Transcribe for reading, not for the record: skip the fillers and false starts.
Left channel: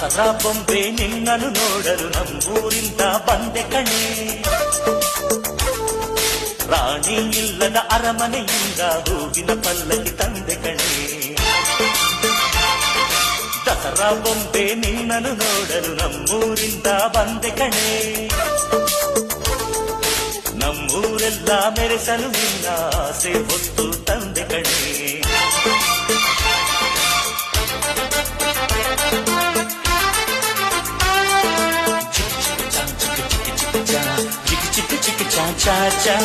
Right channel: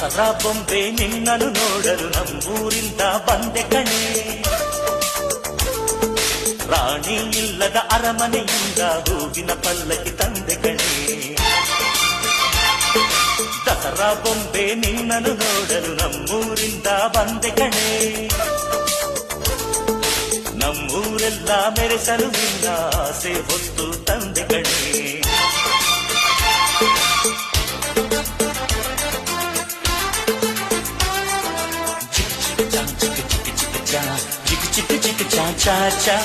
ದಸರಾ ಬೊಂಬೆ ನಿನ್ನನ್ನು ನೋಡಲು ನಮ್ಮೂರಿಂದ ಬಂದೆ ಕಣೆ. ರಾಣಿ ಇಲ್ಲದ ಅರಮನೆಯಿಂದ ಹೂವಿನ ಪಲ್ಲಕ್ಕಿ ತಂದೆ ಕಣೆ. ದಸರಾ ಬೊಂಬೆ ನಿನ್ನನ್ನು ನೋಡಲು ನಮ್ಮೂರಿಂದ ಬಂದೆ ಕಣೆ. ನಮ್ಮೂರೆಲ್ಲ ಮೆರೆಸಲು ನಿನ್ನ ಆಸೆ ಹೊತ್ತು ತಂದೆ ಕಣೆ. ಚಿಕ್ಕ ಚಿಕ್ಕ ಚಾ ಚಾ ಚಾ